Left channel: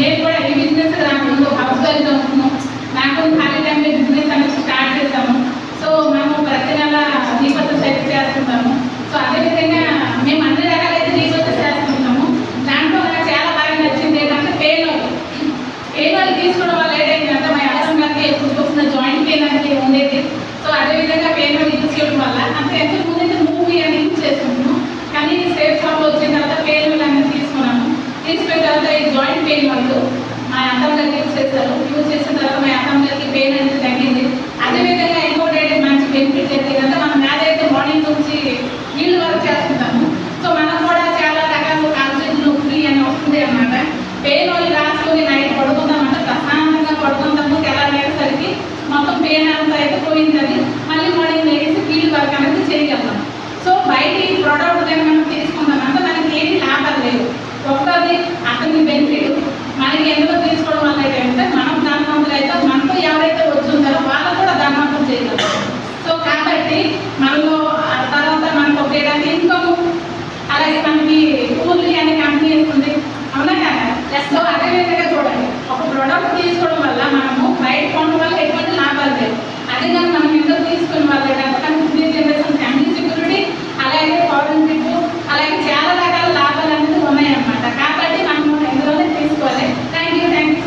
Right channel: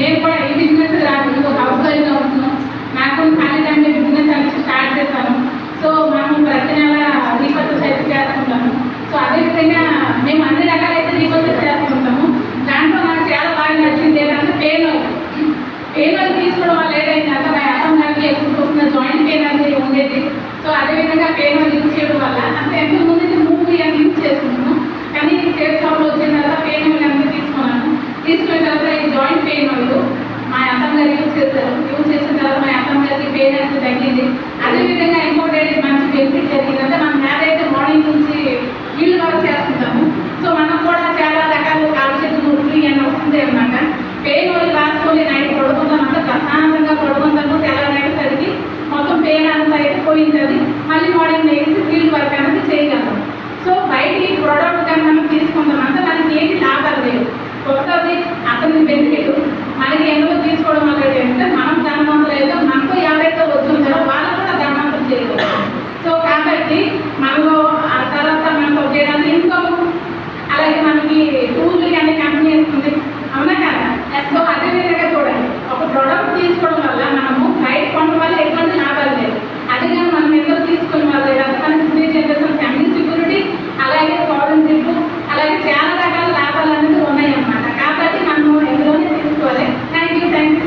నేను కూడా ఈ బిజినెస్ రాకుండా హౌస్ వైఫ్గా ఉంటున్నాం. నాకు ఫ్యామిలీ టైంలో బిజినెస్ అనేది స్టార్ట్ చేస్తాను. సో మేము ప్రతి నెల రీపర్చేస్ అయితే చేస్తుంటాము. సో అదేవిధంగా మేము అన్ని రకాలైతే రీపర్చేస్ చేస్తుంటాము. దాంట్లో నాకు చాలా బాగా నచ్చింది ఏంటంటే పెయిన్ ఆయిల్ తీసుకోవడం వల్ల ఏంటంటే మా అర్థం గారికి ఎప్పుడు చూసిన జాయింట్ పెయిన్ అనేది ఉండేది. సో అదేవిధంగా పెయిన్ ఆయిల్ యూజ్ చేయడం వల్ల అంటే ఎంత ముందు మూవీ అని యూజ్ చేసుకుంటున్నాం. కానీ సేఫ్ షాప్లో వచ్చిన తర్వాత పెయిన్ ఆయిల్ అనేది తీసుకున్నాను. తీసుకున్న తర్వాత ఈ జాయింట్ పెయిన్ ఆయిల్ మా అర్థం గారికి యూజ్ చేశారు. యూజ్ చేసిన తర్వాత మా అర్థం గారికి పెయిన్ అనేది